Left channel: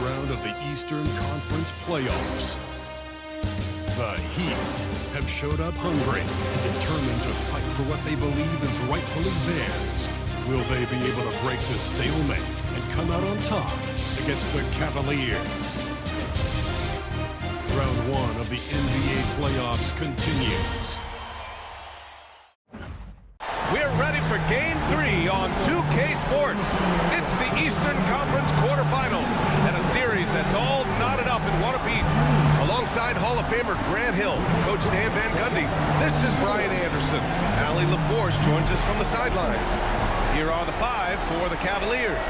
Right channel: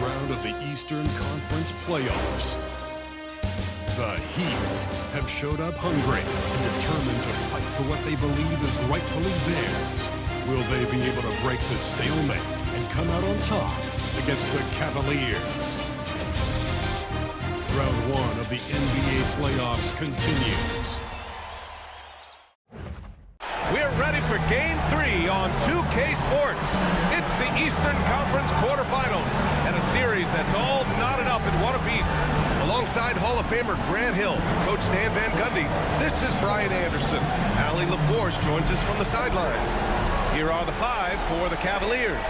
round of the Eastern Conference playoffs. The Heat have showed up hungry and determined to fight for what they believe is rightfully theirs. Will they be able to break the stalemate and come out on top against the Cavaliers? Round one of the NBA playoffs continues. We're ready for Game 3 on 2K Sports. It's the Eastern Conference quarterfinals and a series that's all knotted up in one apiece. Alongside Hall of Famer Grant Hill and Coach Stan Van Gundy, this is Brian Anderson. Allie LaForce joins us from the sidelines. Here are the five for the Cavaliers.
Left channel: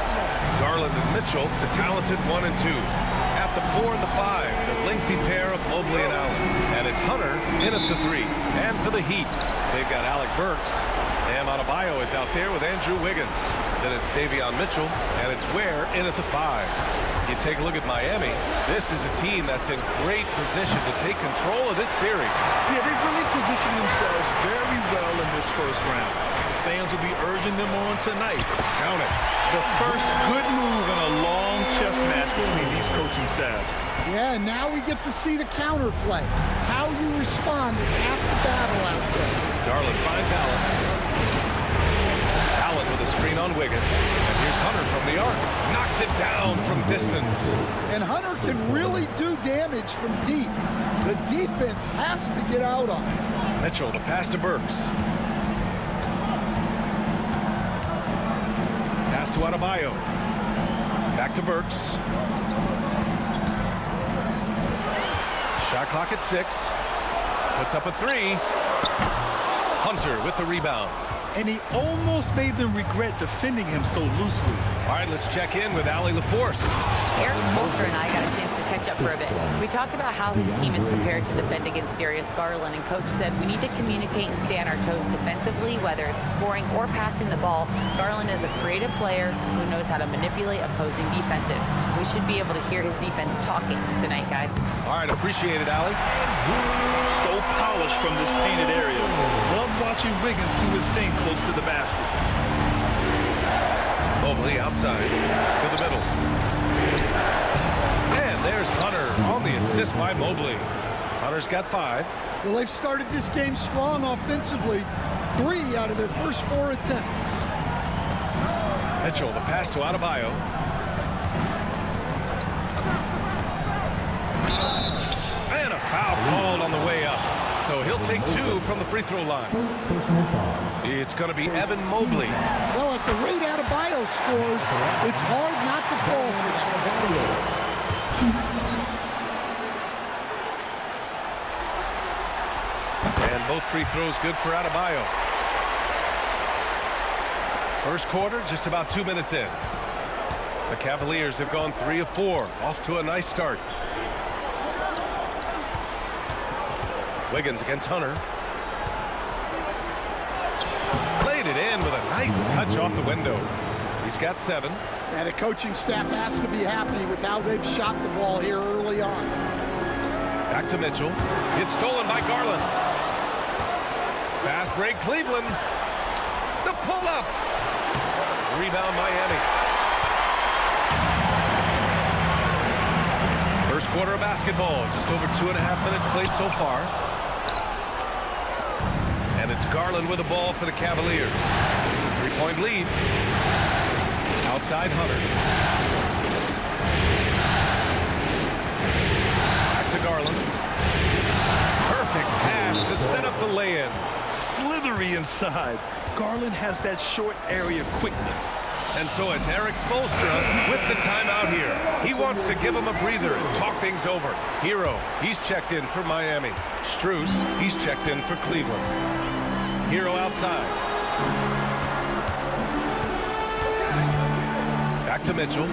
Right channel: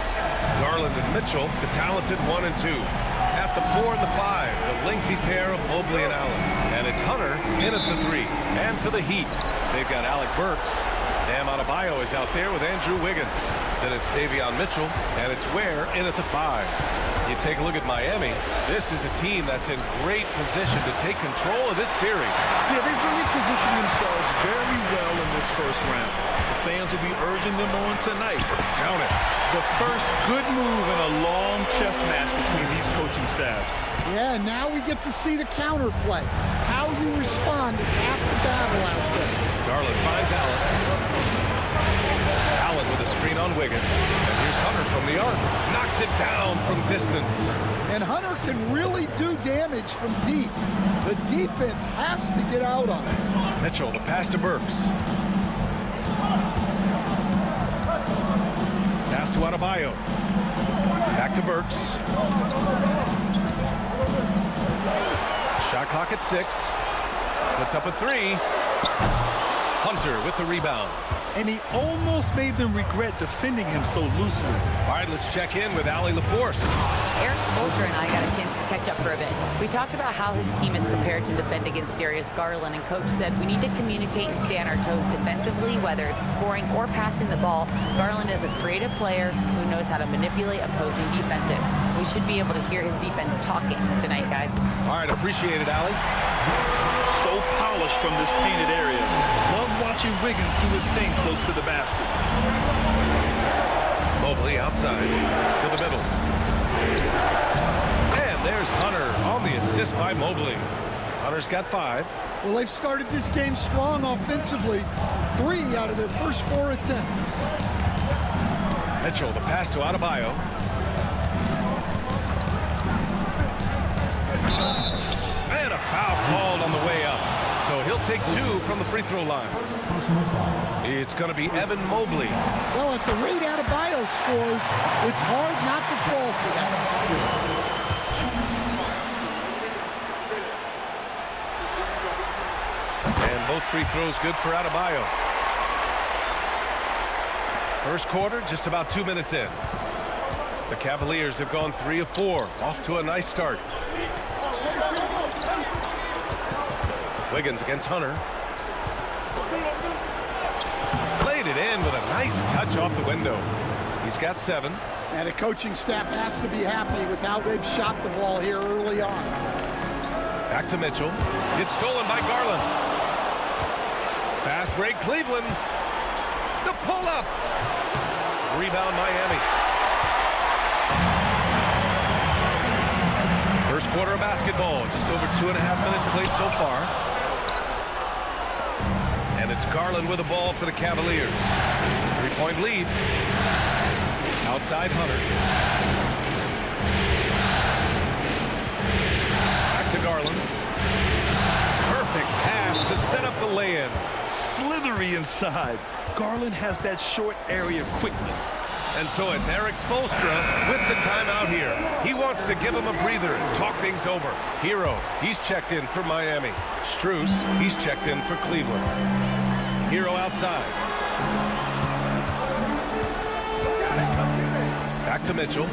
Garland and Mitchell, the talented 1 and 2. At the 4 and the 5, the lengthy pair of Mobley and Allen. And it's Hunter in at the 3. And for the Heat, they've got Alec Burks. Bam Adebayo is out there with Andrew Wiggins. Then it's Davion Mitchell, and it's Ware in at the 5. You take a look at Miami. This is a team that's in great position to take control of this series. Yeah, they've really positioned themselves very well in this first round. The fans will be urging them on tonight. Count it. The first good move in a long chess match between these coaching staffs. Yeah, now we get to see the counterplay. How you respond is half the battle out there. Garland finds Allen. Allen with a screen on Wiggins. And here's Hunter from the arc. Knocks it down from distance. And Hunter can really do damage from deep. The defense has to get out on it. Mitchell, the pass to Burks. Pass to Adebayo. Back to Burks. Shot clock at 6. Puts up a 3. Hunter with the rebound. And he almost made them regret defending him so loosely. All right, let's check in with Allie LaForce. Eric Spoelstra and I got a chance to catch up for a bit. We talked about how his team is prepared to defend against Darius Garland, and Coach said we need to communicate and stay on our toes defensively, whether it's scoring or passing the ball. Garland is a creative player who knows how to manipulate opposing defenses. We should be able to hear his defense talking tonight, guys. All right, appreciate it, Allie. So polished from this painted area. Love watching Wiggins do his thing close to the basket. Mobley outside to the middle. And there's Hunter on the assist by Mobley. Hunter's got 5. Well, they've started this game strong offensively. 3 out of their first 4 attempts. Mitchell, the pass to Adebayo. And a foul called on the way up. So he'll take 2 from the free throw line. It's going to be Evan Mobley. Well, at the rate Adebayo scores, it's hard not to fall for that. And both free throws good for Adebayo. First quarter, just about 2 minutes in. The Cavaliers have gone 3 of 4, off to a nice start. Wiggins against Hunter. Laid it in with a nice touch off the window. He's got 7. And the coaching staff has to be happy with how they've shot the ball here early on. Back to Mitchell. It's stolen by Garland. Fast break, Cleveland. The pull-up. Rebound, Miami. First quarter of basketball. Just over 2.5 minutes played so far. And it's Garland with the ball for the Cavaliers. 3-point lead. Outside Hunter. Back to Garland. Perfect pass to set up the lay-in. Slithery inside. Garland has that short area quickness. And so it's Eric Spoelstra with the timeout here. He wants to give him a breather and talk things over. Herro, he's checked in for Miami. Strus, he's checked in for Cleveland. Herro outside. Back to Mitchell.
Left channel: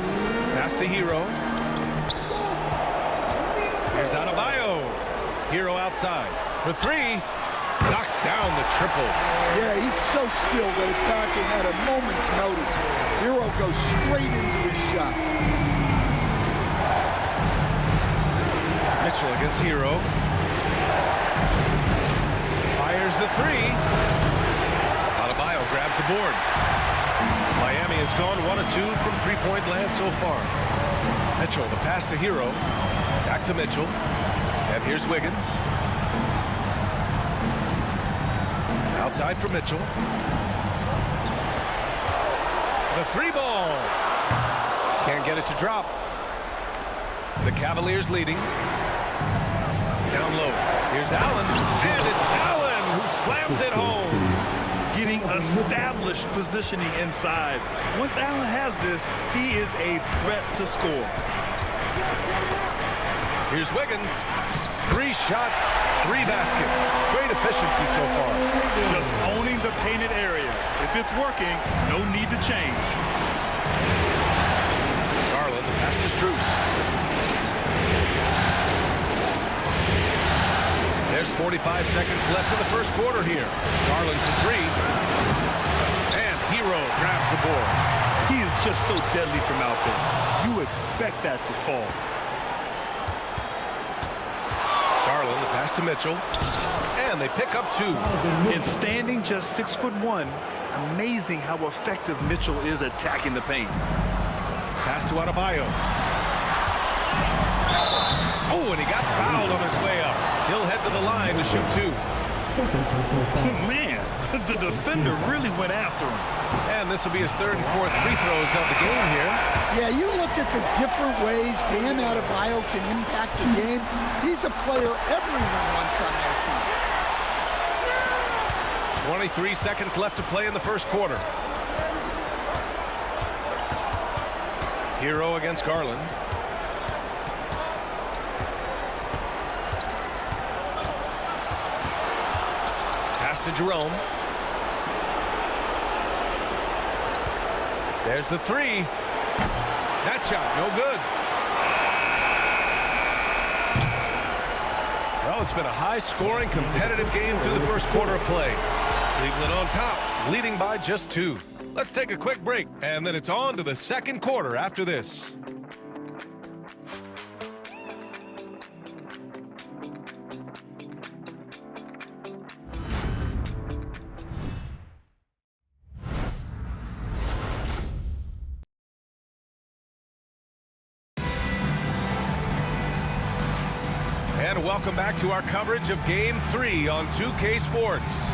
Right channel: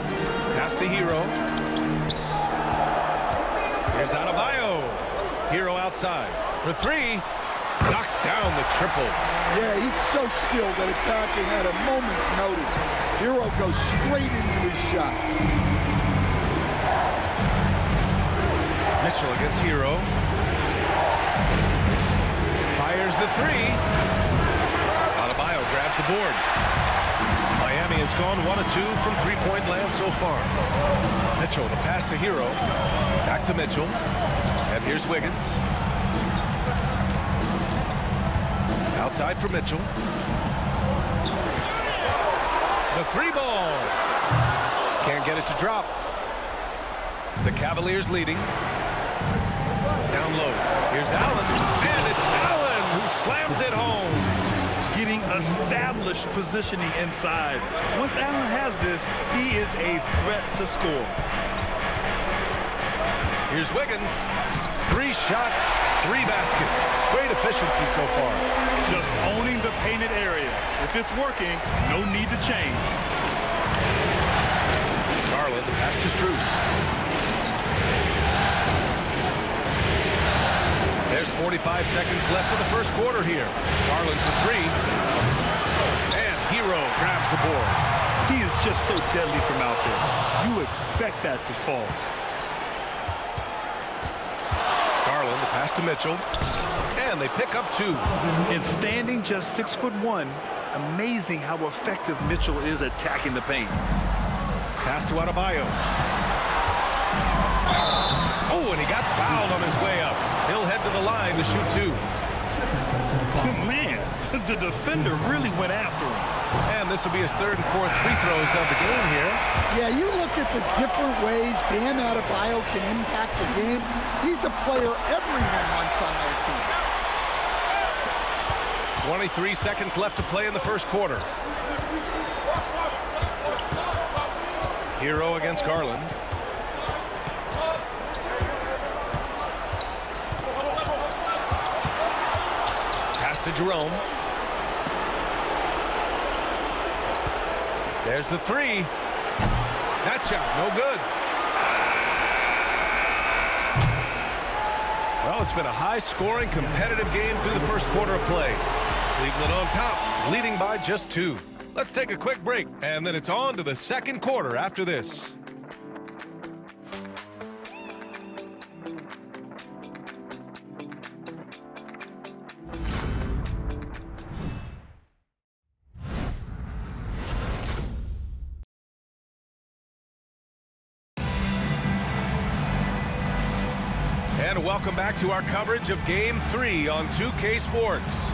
Pass to Herro. Here's Adebayo. Herro outside. For 3. Knocks down the triple. Yeah, he's so skilled at attacking at a moment's notice. Herro goes straight into his shot. Mitchell against Herro. Fires the 3. Adebayo grabs the board. Miami has gone 1 of 2 from three-point land so far. Mitchell, the pass to Herro. Back to Mitchell. And here's Wiggins. Outside for Mitchell. The three ball. Can't get it to drop. The Cavaliers leading. Down low. Here's Allen. And it's Allen who slams it home. Getting established positioning inside. Once Allen has this, he is a threat to score. Here's Wiggins. 3 shots, 3 baskets. Great efficiency so far. Just owning the painted area. If it's working, no need to change. Garland, the pass to Strus. There's 45 seconds left in the first quarter here. Garland for 3. And Herro grabs the board. He is just so deadly from out there. You expect that to fall. Garland, the pass to Mitchell. And they pick up 2. And standing just 6'1", amazing how effective Mitchell is attacking the paint. Pass to Adebayo. Oh, and he got fouled on his way up. He'll head to the line to shoot 2. Man, the defender really went after him. And this will be his 3rd and 4th free throws of the game here. Yeah, you look at the different ways Bam Adebayo can impact the game. He's a player everyone wants on their team. 23 seconds left to play in the first quarter. Herro against Garland. Pass to Jerome. There's the 3. That shot, no good. Well, it's been a high-scoring, competitive game through the first quarter of play. Cleveland on top, leading by just 2. Let's take a quick break, and then it's on to the second quarter after this. And welcome back to our coverage of Game 3 on 2K Sports.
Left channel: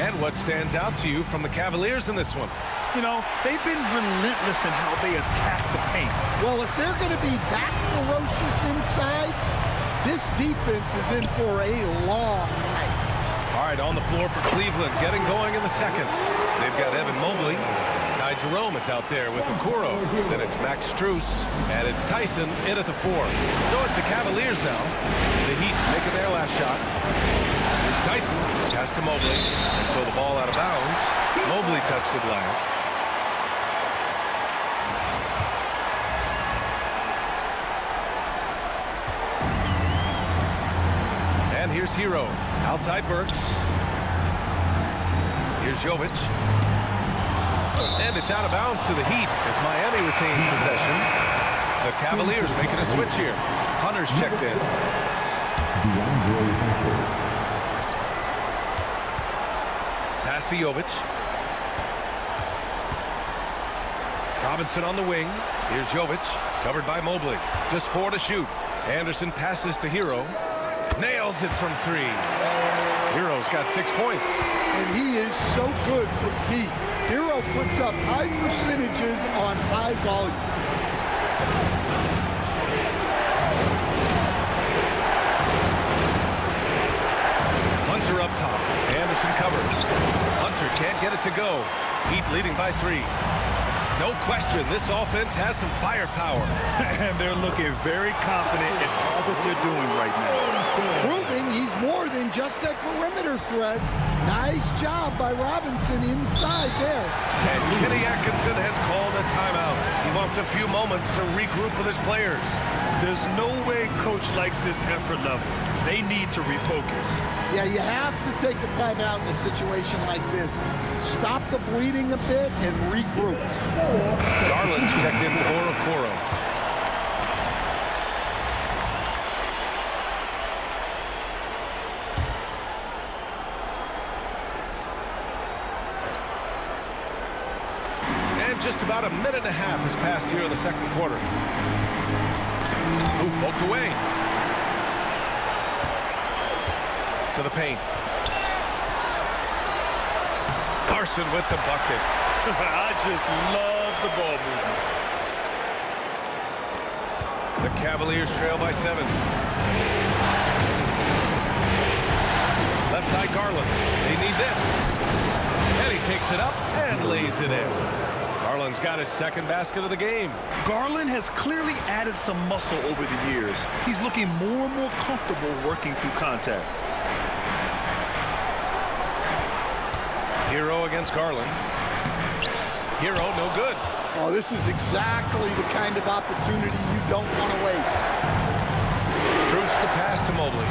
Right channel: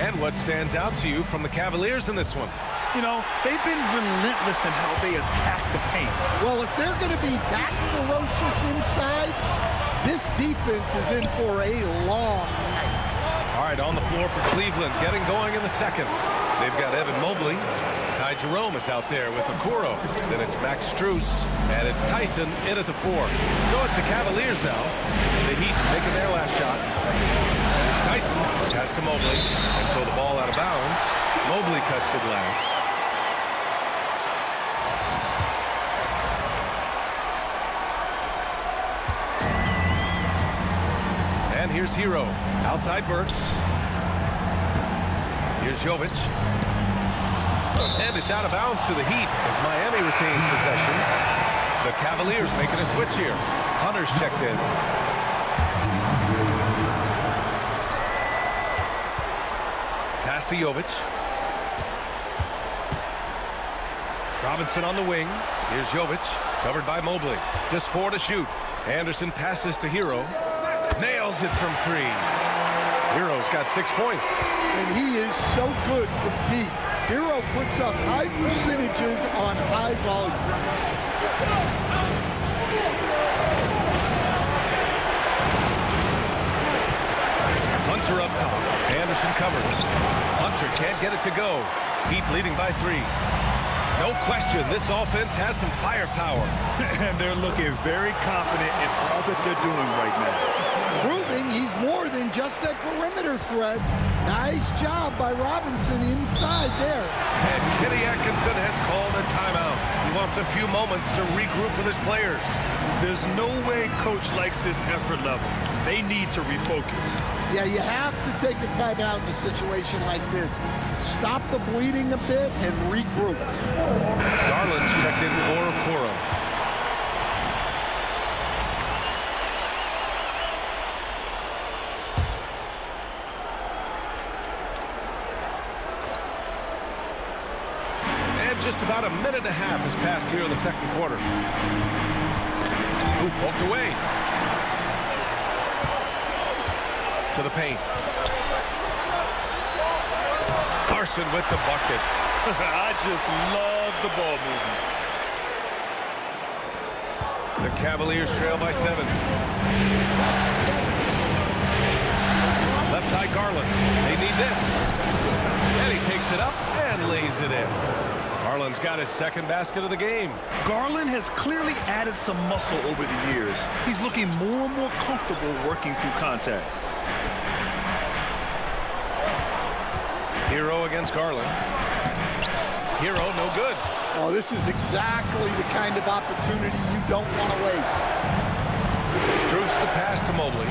And what stands out to you from the Cavaliers in this one? You know, they've been relentless in how they attack the paint. Well, if they're going to be that ferocious inside, this defense is in for a long night. All right, on the floor for Cleveland, getting going in the second. They've got Evan Mobley. Ty Jerome is out there with Okoro. Then it's Max Strus, and it's Tyson in at the 4. So it's the Cavaliers now. The Heat making their last shot. Here's Tyson, pass to Mobley, and so the ball out of bounds. Mobley touched it last. And here's Herro, outside Burks. Here's Jovic. And it's out of bounds to the Heat as Miami retains possession. The Cavaliers making a switch here. Hunter's checked in. Pass to Jovic. Robinson on the wing. Here's Jovic, covered by Mobley. Just 4 to shoot. Anderson passes to Herro. Nails it from 3. Herro's got 6 points. And he is so good from deep. Herro puts up high percentages on high volume. Hunter up top. Anderson covers. Hunter can't get it to go. Heat leading by 3. No question, this offense has some firepower. And they're looking very confident in all that they're doing right now. Proving he's more than just a perimeter threat. Nice job by Robinson inside there. And Kenny Atkinson has called a timeout. He wants a few moments to regroup with his players. There's no way coach likes this effort level. They need to refocus. Yeah, you have to take a timeout in a situation like this. Stop the bleeding a bit and regroup. Garland's checked in for Okoro. And just about a minute and a half has passed here in the second quarter. Ooh, poked away. To the paint. Larson with the bucket. I just love the ball movement. The Cavaliers trail by 7. Left side Garland. They need this. And he takes it up and lays it in. Garland's got his second basket of the game. Garland has clearly added some muscle over the years. He's looking more and more comfortable working through contact. Herro against Garland. Herro, no good. Oh, this is exactly the kind of opportunity you don't want to waste. Strus the pass to Mobley.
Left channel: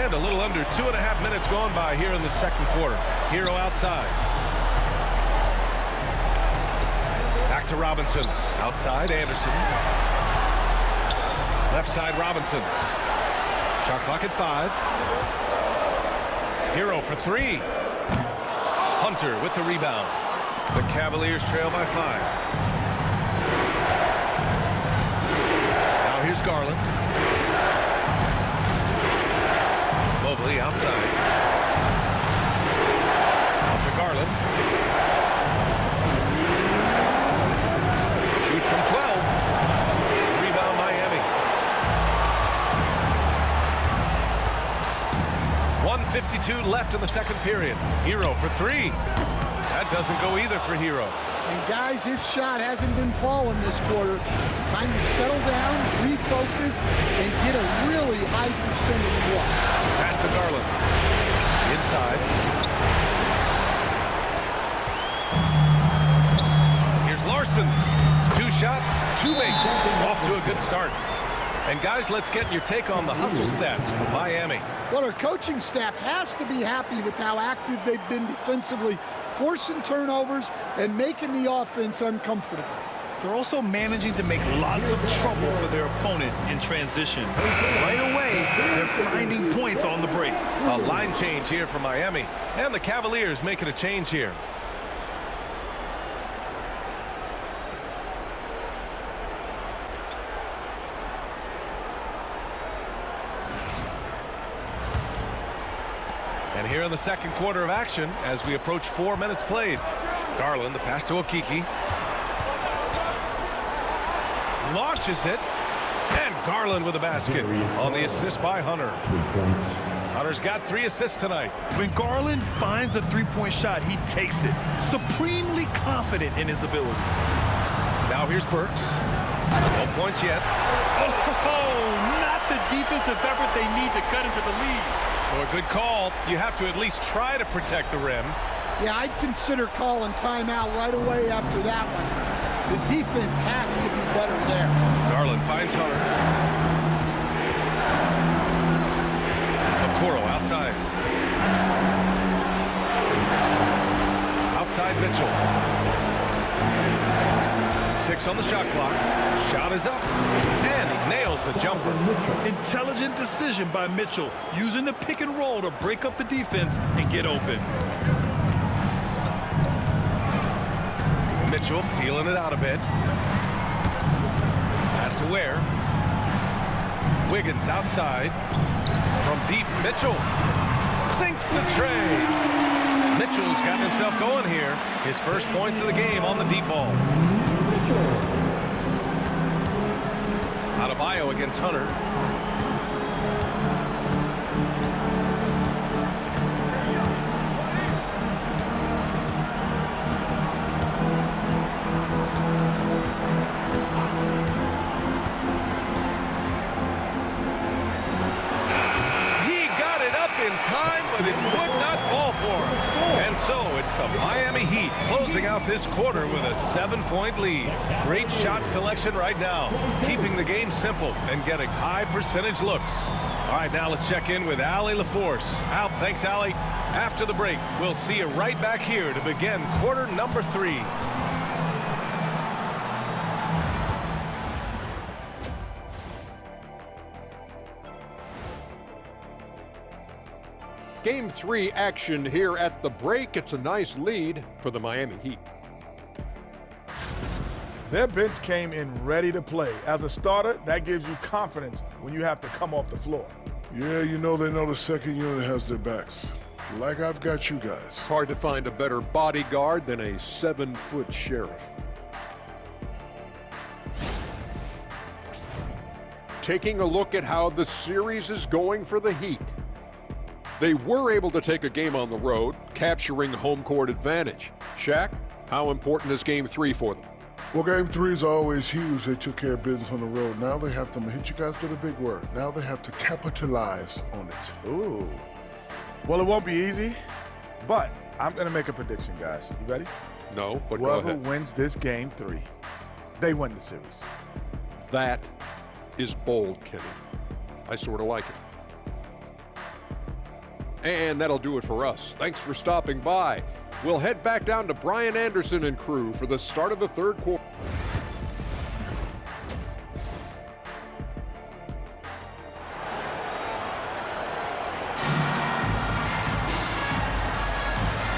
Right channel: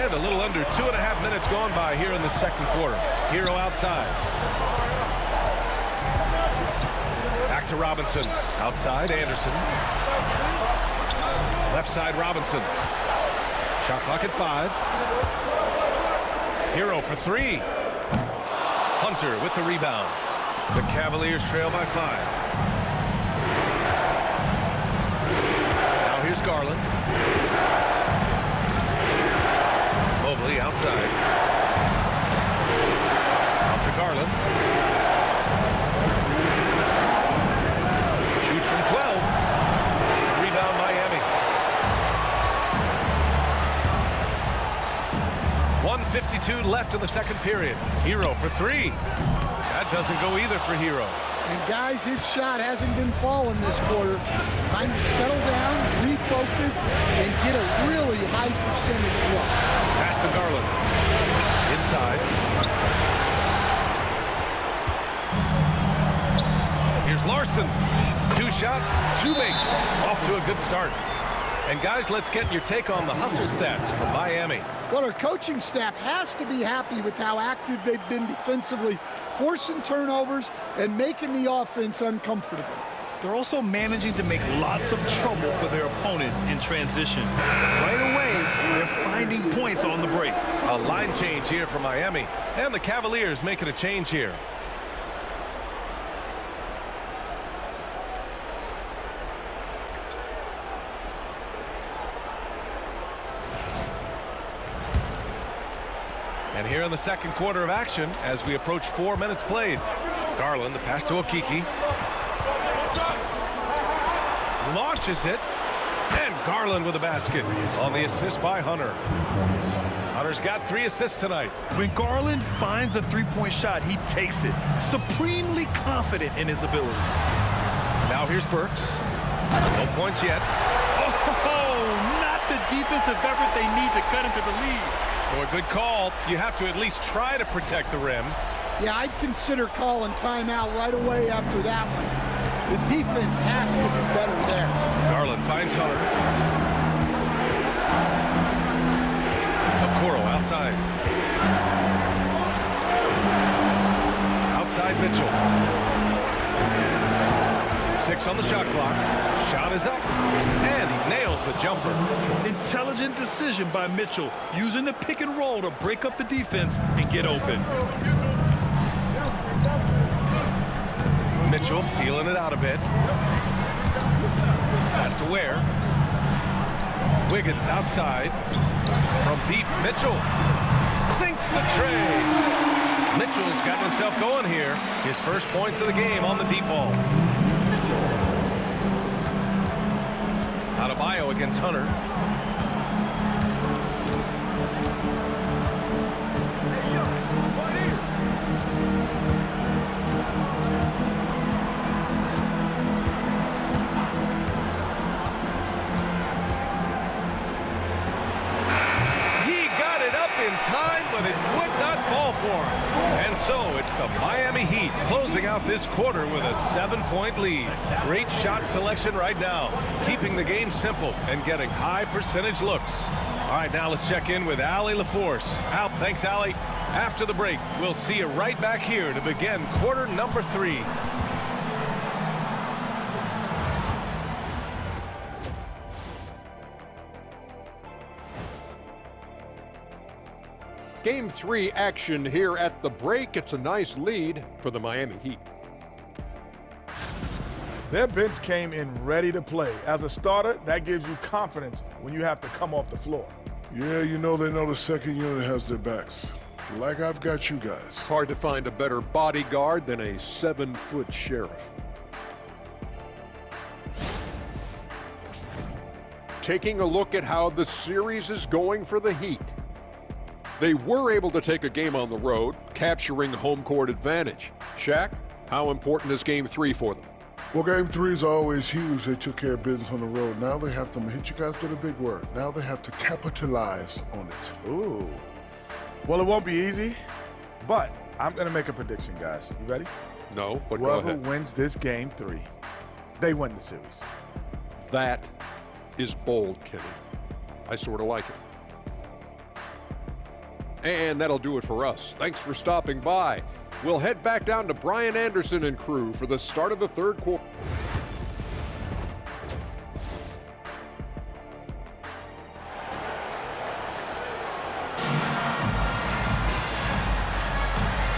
And a little under 2.5 minutes gone by here in the second quarter. Herro outside. Back to Robinson. Outside, Anderson. Left side, Robinson. Shot clock at 5. Herro for 3. Hunter with the rebound. The Cavaliers trail by 5. Now here's Garland. Mobley outside. Out to Garland. Shoots from 12. Rebound Miami. 1:52 left in the second period. Herro for 3. That doesn't go either for Herro. And guys, his shot hasn't been falling this quarter. Time to settle down, refocus, and get a really high percentage look. Pass to Garland. Inside. Here's Larson. 2 shots, 2 makes. Off to a good start. And guys, let's get your take on the hustle stats from Miami. Well, our coaching staff has to be happy with how active they've been defensively, forcing turnovers and making the offense uncomfortable. They're also managing to make lots of trouble for their opponent in transition. Right away, they're finding points on the break. A line change here for Miami. And the Cavaliers making a change here. And here in the second quarter of action, as we approach 4 minutes played. Garland, the pass to Okiki. Launches it. And Garland with a basket on the assist by Hunter. Hunter's got 3 assists tonight. When Garland finds a three-point shot, he takes it. Supremely confident in his abilities. Now here's Burks. No points yet. Oh, not the defensive effort they need to cut into the lead. So a good call. You have to at least try to protect the rim. Yeah, I'd consider calling timeout right away after that one. The defense has to be better there. Garland finds Hunter. Okoro outside. Outside Mitchell. 6 on the shot clock. Shot is up. And he nails the jumper. Intelligent decision by Mitchell, using the pick and roll to break up the defense and get open. Mitchell feeling it out a bit. Pass to Ware. Wiggins outside. From deep, Mitchell sinks the tray. Mitchell's gotten himself going here. His first points of the game on the deep ball. Adebayo against Hunter. In time, but it would not fall for him. And so it's the Miami Heat closing out this quarter with a 7-point lead. Great shot selection right now, keeping the game simple and getting high percentage looks. All right, now let's check in with Allie LaForce. Al, thanks, Allie. After the break, we'll see you right back here to begin quarter number 3. Game 3 action here at the break. It's a nice lead for the Miami Heat. Their bench came in ready to play. As a starter, that gives you confidence when you have to come off the floor. Yeah, you know they know the second unit has their backs. Like I've got you guys. Hard to find a better bodyguard than a 7-foot sheriff. Taking a look at how the series is going for the Heat. They were able to take a game on the road, capturing home court advantage. Shaq, how important is Game 3 for them? Well, Game 3 is always huge. They took care of business on the road. Now they have to hit you guys with a big word. Now they have to capitalize on it. Ooh. Well, it won't be easy, but I'm going to make a prediction, guys. You ready? No, but go Whoever ahead. wins this Game 3, they win the series. That is bold, Kenny. I sort of like it. And that'll do it for us. Thanks for stopping by. We'll head back down to Brian Anderson and crew for the start of the third quarter.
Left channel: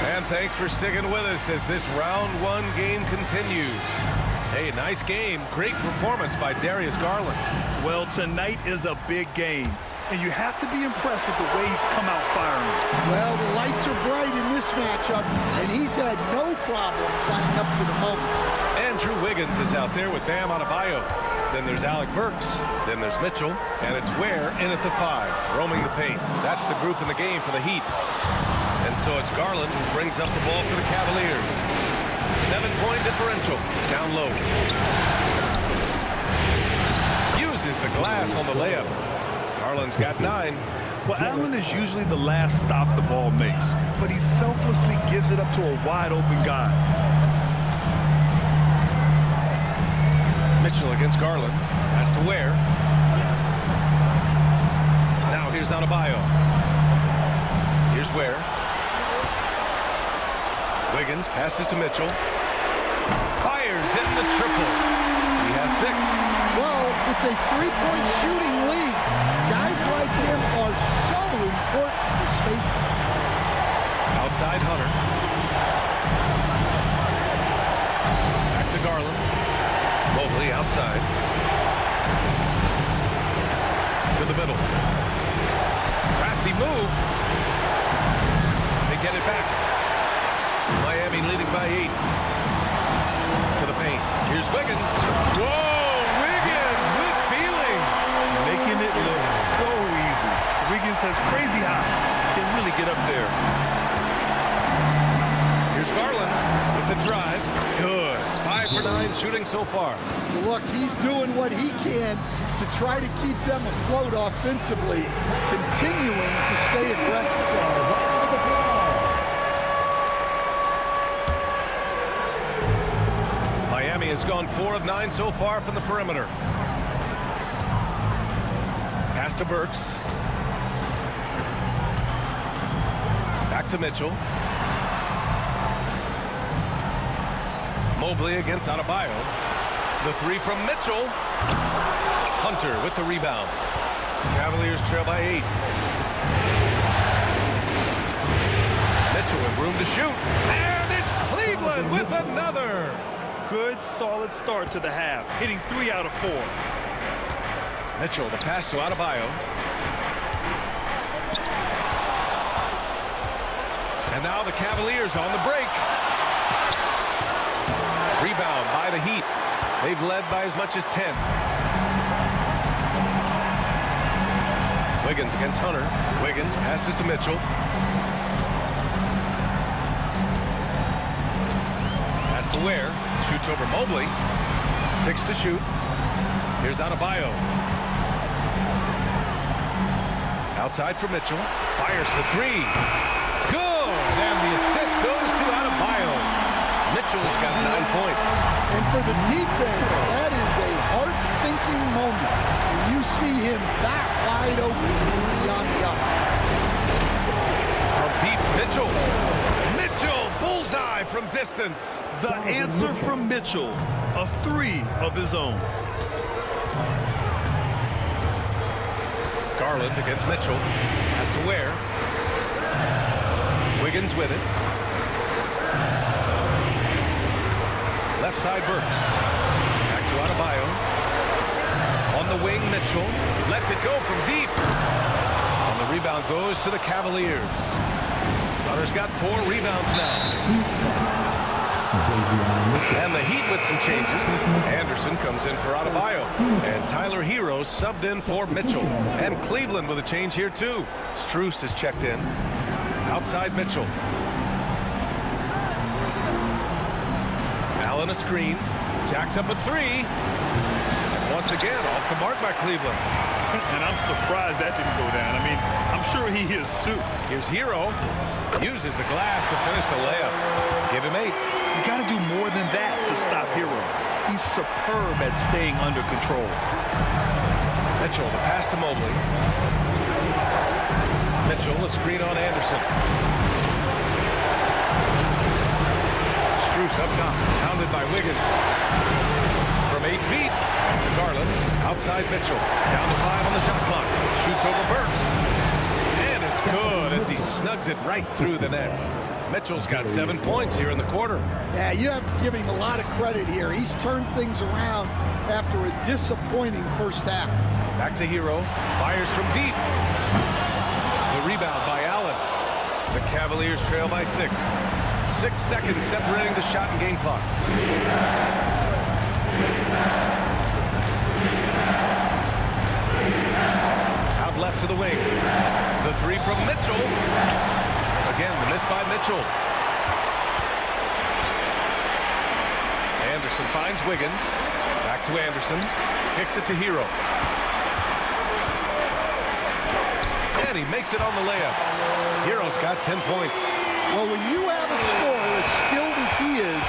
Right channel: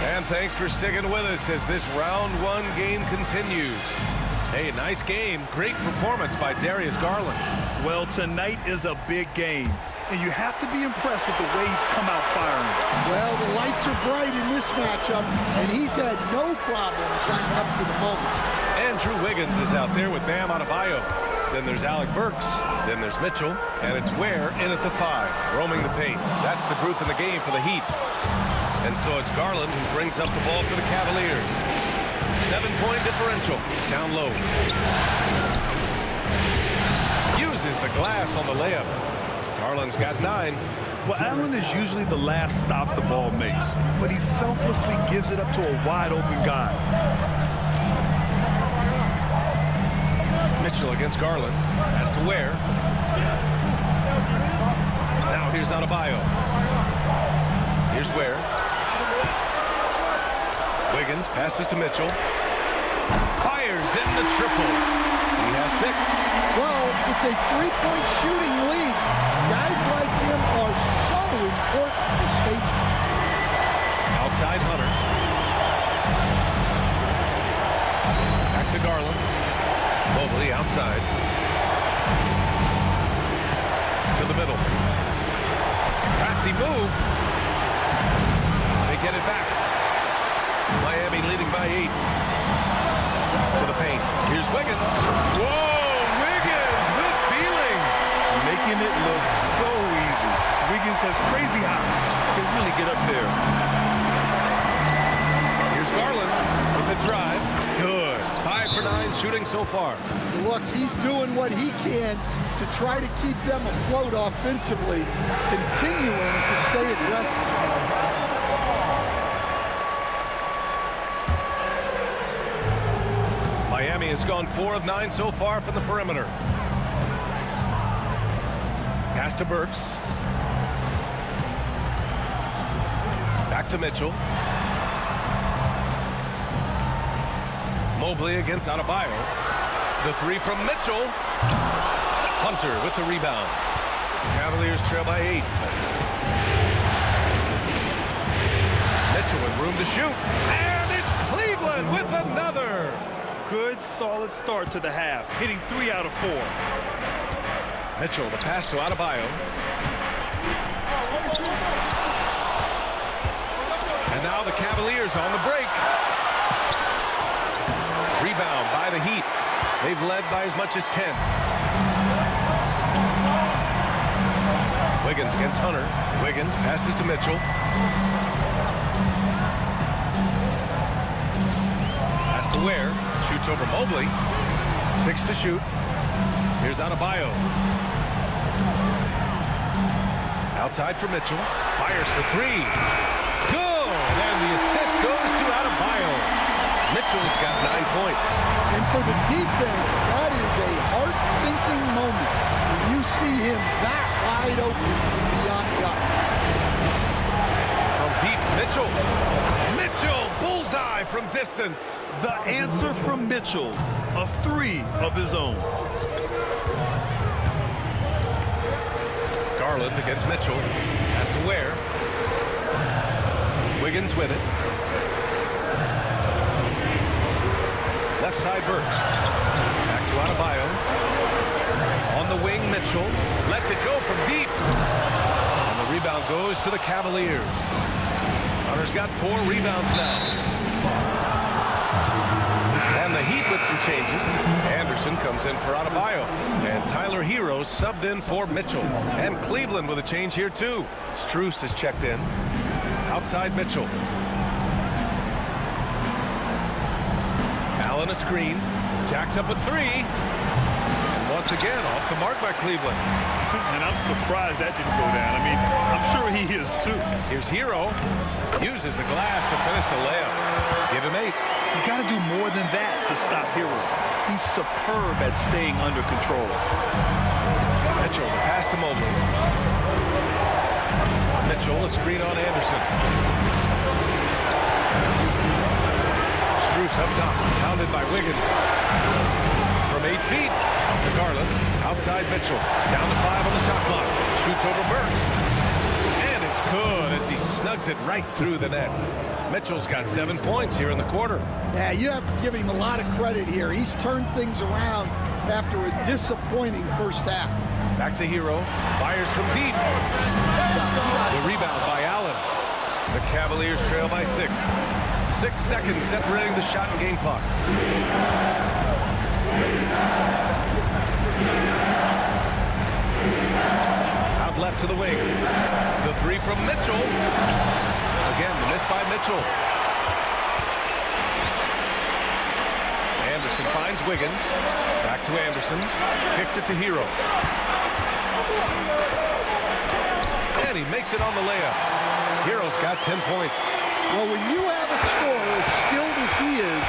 And thanks for sticking with us as this round one game continues. Hey, nice game. Great performance by Darius Garland. Well, tonight is a big game, and you have to be impressed with the way he's come out firing. Well, the lights are bright in this matchup, and he's had no problem playing up to the moment. Andrew Wiggins is out there with Bam Adebayo. Then there's Alec Burks. Then there's Mitchell. And it's Ware in at the 5, roaming the paint. That's the group in the game for the Heat. And so it's Garland who brings up the ball for the Cavaliers. 7-point differential, down low. Uses the glass on the layup. Garland's got 9. Well, Allen is usually the last stop the ball makes, but he selflessly gives it up to a wide-open guy. Mitchell against Garland. Has to Ware. Now here's Adebayo. Here's Ware. Wiggins passes to Mitchell. Fires in the triple. He has 6. Well, it's a 3-point shooting league. Guys like him are so important for spacing. Outside Hunter. Back to Garland. Mobley outside. To the middle. Crafty move. They get it back. Miami leading by 8. To the paint. Here's Wiggins. Whoa, Wiggins with feeling. Making it look so easy. Wiggins has crazy hops. Can really get up there. Here's Garland with the drive. Good. 5 for 9 shooting so far. Look, he's doing what he can to try to keep them afloat offensively, continuing to stay aggressive. Miami has gone 4 of 9 so far from the perimeter. Pass to Burks. Back to Mitchell. Mobley against Adebayo. The 3 from Mitchell. Hunter with the rebound. Cavaliers trail by 8. Mitchell with room to shoot. And it's Cleveland with another. Good, solid start to the half, hitting 3 out of 4. Mitchell, the pass to Adebayo. And now the Cavaliers on the break. Rebound by the Heat. They've led by as much as 10. Wiggins against Hunter. Wiggins passes to Mitchell. Pass to Ware. Shoots over Mobley. 6 to shoot. Here's Adebayo. Outside for Mitchell. Fires for 3. Good! And the assist goes to Adebayo. Mitchell's got 9 points. And for the defense, that is a heart-sinking moment when you see him that wide open from beyond the arc. From deep, Mitchell. Mitchell, bullseye from distance. The answer from Mitchell, a 3 of his own. Garland against Mitchell. Has to Ware. Wiggins with it. Left side Burks. Back to Adebayo. On the wing, Mitchell. Lets it go from deep. And the rebound goes to the Cavaliers. Hunter's got 4 rebounds now. And the Heat with some changes. Anderson comes in for Adebayo. And Tyler Herro subbed in for Mitchell. And Cleveland with a change here too. Strus is checked in. Outside Mitchell. Allen a screen. Jacks up a 3. And once again off the mark by Cleveland. And I'm surprised that didn't go down. I mean, I'm sure he is too. Here's Herro. Uses the glass to finish the layup. Give him 8. You got to do more than that to stop Herro. He's superb at staying under control. Mitchell, the pass to Mobley. Mitchell, a screen on Anderson. Strus up top, pounded by Wiggins. From 8 feet, out to Garland. Outside Mitchell, down to 5 on the shot clock. Shoots over Burks. And it's good as he snugs it right through the net. Mitchell's got 7 points here in the quarter. Yeah, you have to give him a lot of credit here. He's turned things around after a disappointing first half. Back to Herro. Fires from deep. The rebound by Allen. The Cavaliers trail by 6. 6 seconds separating the shot and game clocks. Out left to the wing. The 3 from Mitchell. Again, the miss by Mitchell. Anderson finds Wiggins. Back to Anderson. Kicks it to Herro. And he makes it on the layup. Herro's got 10 points. Well, when you have a scorer as skilled as he is,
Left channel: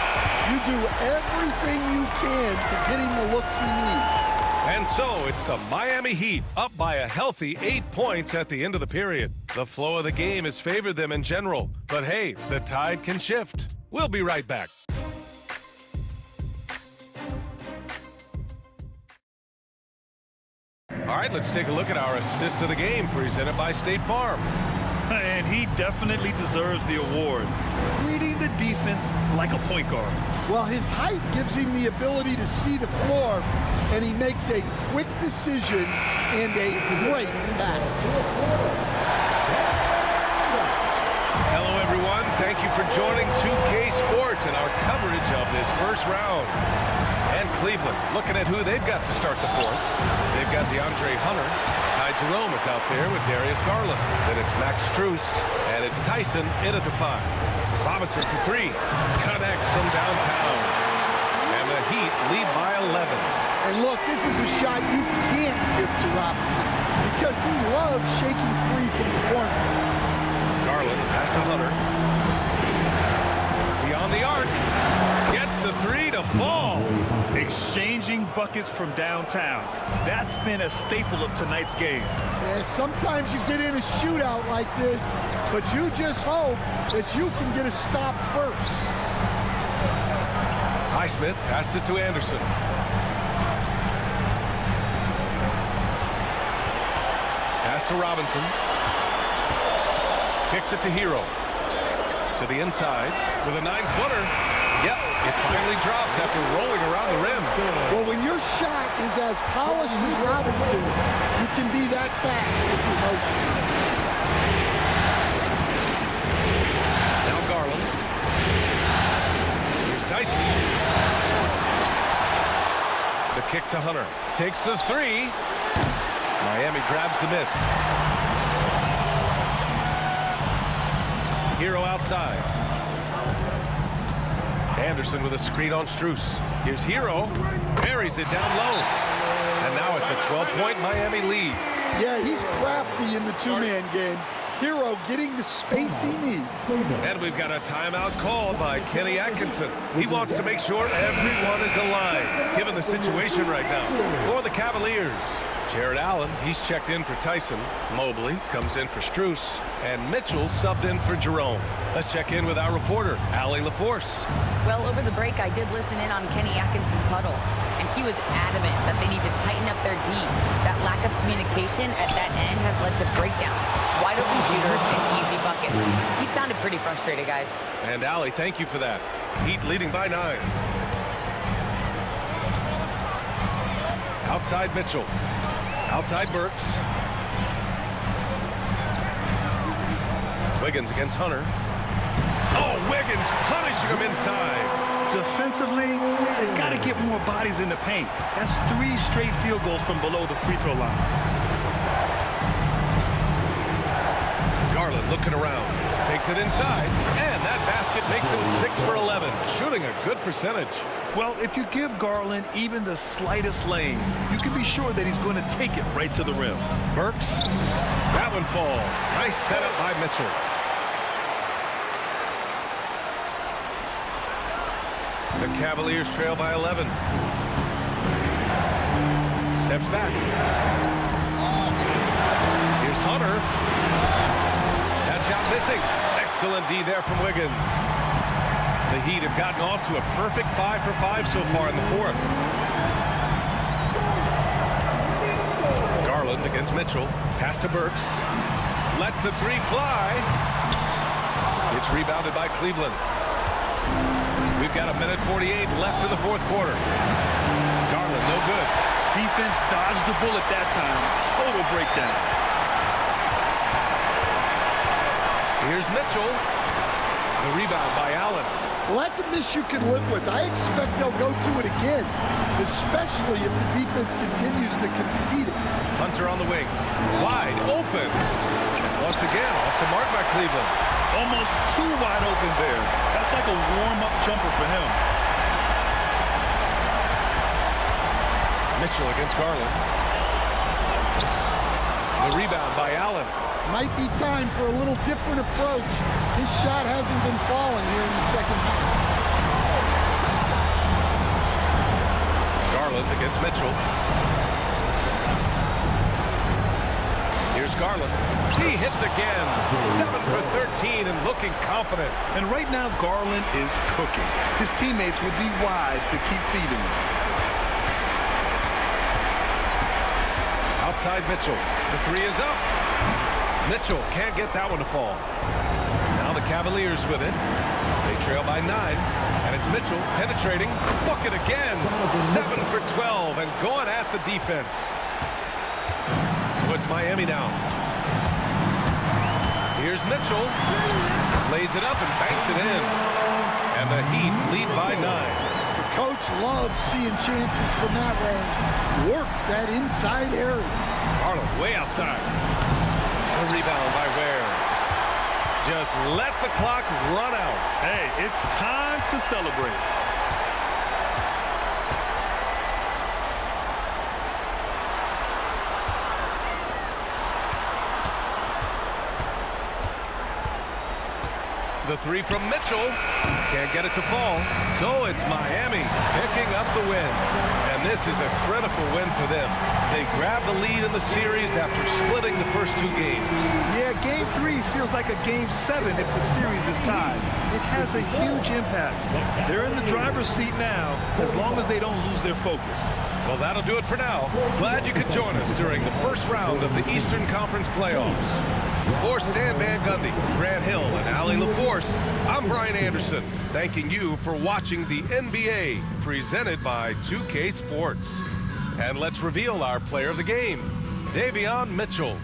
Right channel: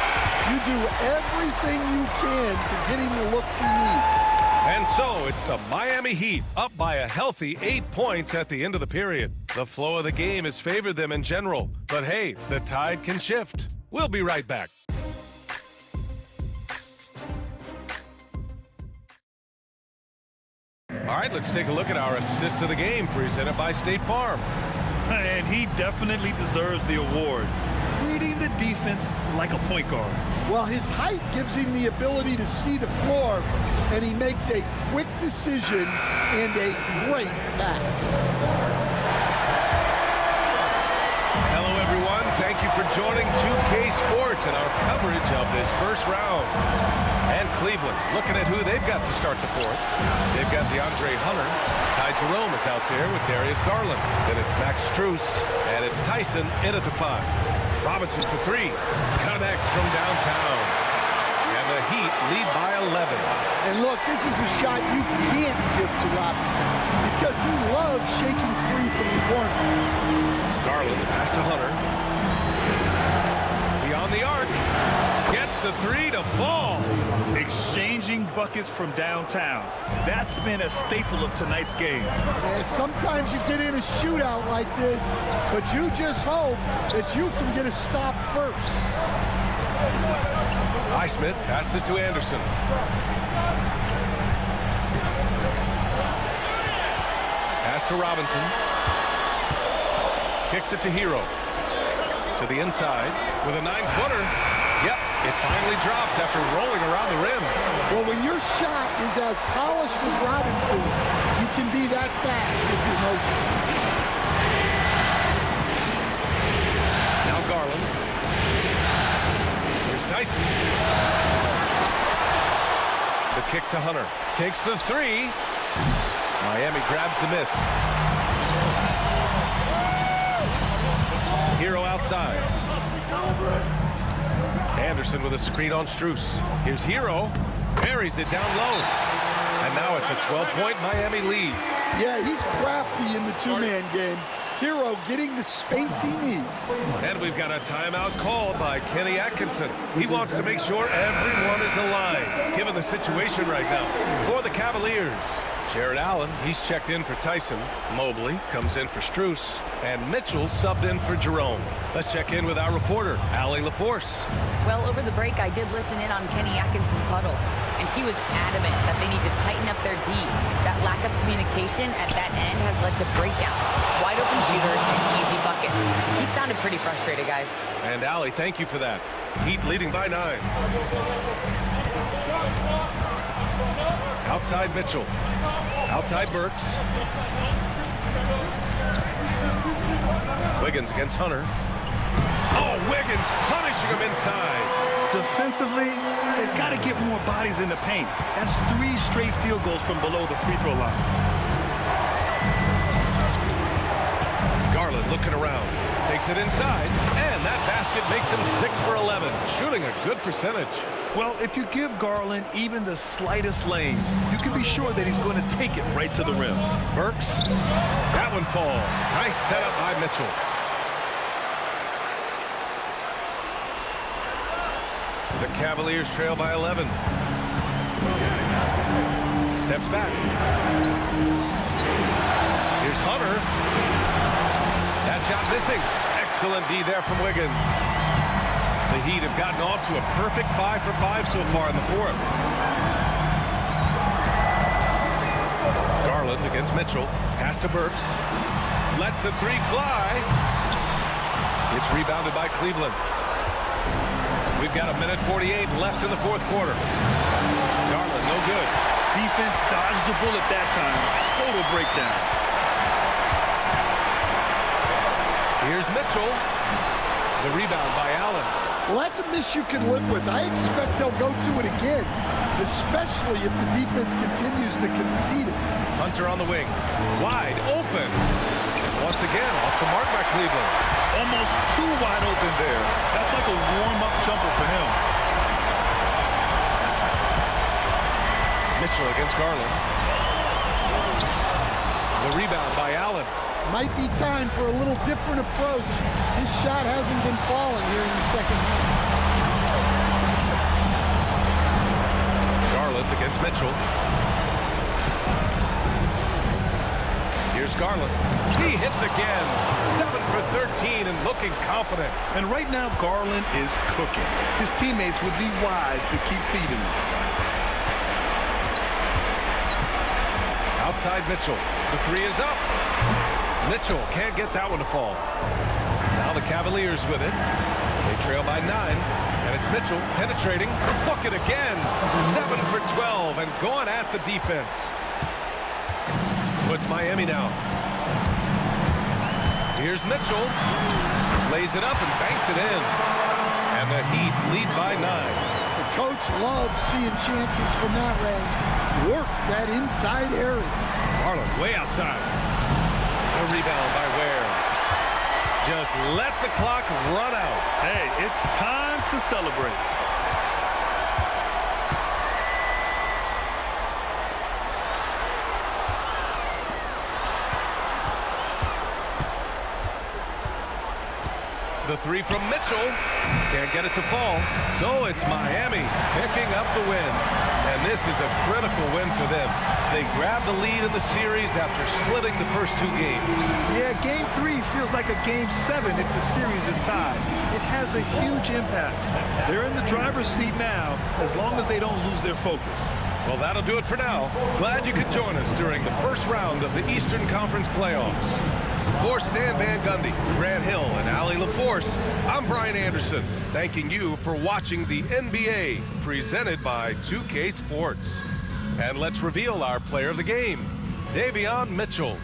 you do everything you can to get him the looks he needs. And so it's the Miami Heat up by a healthy 8 points at the end of the period. The flow of the game has favored them in general. But hey, the tide can shift. We'll be right back. All right, let's take a look at our assist of the game presented by State Farm. And he definitely deserves the award. Reading the defense like a point guard. Well, his height gives him the ability to see the floor, and he makes a quick decision and a great pass. Hello, everyone. Thank you for joining 2K Sports and our coverage of this first round. And Cleveland, looking at who they've got to start the 4th. They've got DeAndre Hunter. Ty Jerome is out there with Darius Garland. Then it's Max Strus, and it's Tyson in at the 5. Robinson for 3. Connects from downtown. And the Heat lead by 11. And look, this is a shot you can't give to Robinson because he loves shaking free from the corner. Garland, the pass to Hunter. Beyond the arc. Gets the 3 to fall. Exchanging buckets from downtown. That's been a staple of tonight's game. Yeah, sometimes you get in a shootout like this, but you just hope that you can get a stop first. Highsmith passes to Anderson. Pass to Robinson. Kicks it to Herro. To the inside with a 9-footer. Yep, it finally drops after rolling around the rim. Well, when your shot is as polished as Robinson's, you can be that fast with your motion. Now Garland. Here's Tyson. The kick to Hunter. Takes the 3. Miami grabs the miss. Herro outside. Anderson with a screen on Strus. Here's Herro. Buries it down low. And now it's a 12-point Miami lead. Yeah, he's crafty in the two-man game. Herro getting the space he needs. And we've got a timeout called by Kenny Atkinson. He wants to make sure everyone is aligned, given the situation right now. For the Cavaliers, Jared Allen, he's checked in for Tyson. Mobley comes in for Strus. And Mitchell subbed in for Jerome. Let's check in with our reporter, Allie LaForce. Well, over the break, I did listen in on Kenny Atkinson's huddle, and he was adamant that they need to tighten up their D. That lack of communication at that end has led to breakdowns. wide open shooters, and easy buckets. He sounded pretty frustrated, guys. And Allie, thank you for that. Heat leading by 9. Outside Mitchell. Outside Burks. Wiggins against Hunter. Oh, Wiggins punishing him inside. Defensively, they've got to get more bodies in the paint. That's 3 straight field goals from below the free throw line. Garland looking around. Takes it inside. And that basket makes him 6 for 11. Shooting a good percentage. Well, if you give Garland even the slightest lane, you can be sure that he's going to take it right to the rim. Burks. That one falls. Nice setup by Mitchell. The Cavaliers trail by 11. Steps back. Here's Hunter. That shot missing. Excellent D there from Wiggins. The Heat have gotten off to a perfect 5 for 5 so far in the 4th. Garland against Mitchell. Pass to Burks. Lets the 3 fly. It's rebounded by Cleveland. We've got 1:48 left in the 4th quarter. Garland, no good. Defense dodged the bullet that time. Total breakdown. Here's Mitchell. The rebound by Allen. Well, that's a miss you can live with. I expect they'll go to it again, especially if the defense continues to concede it. Hunter on the wing. Wide open. And once again, off the mark by Cleveland. Almost too wide open there. That's like a warm-up jumper for him. Mitchell against Garland. The rebound by Allen. Might be time for a little different approach. His shot hasn't been falling here in the second half. Garland against Mitchell. Here's Garland. He hits again. 7 for 13 and looking confident. And right now, Garland is cooking. His teammates would be wise to keep feeding him. Outside Mitchell. The 3 is up. Mitchell can't get that one to fall. Now the Cavaliers with it. They trail by 9. And it's Mitchell penetrating. Bucket again. 7 for 12 and going at the defense. So it's Miami now. Here's Mitchell. Lays it up and banks it in. And the Heat lead by 9. The coach loves seeing chances from that range. Work that inside area. Garland way outside. The rebound by Ware. Just let the clock run out. Hey, it's time to celebrate. The 3 from Mitchell. Can't get it to fall. So it's Miami picking up the win. And this is a critical win for them. They grab the lead in the series after splitting the first 2 games. Yeah, Game 3 feels like a Game 7 if the series is tied. It has a huge impact. They're in the driver's seat now, as long as they don't lose their focus. Well, that'll do it for now. Glad you could join us during the first round of the Eastern Conference playoffs. For Stan Van Gundy, Grant Hill, and Allie LaForce, I'm Brian Anderson, thanking you for watching the NBA, presented by 2K Sports. And let's reveal our player of the game, Davion Mitchell.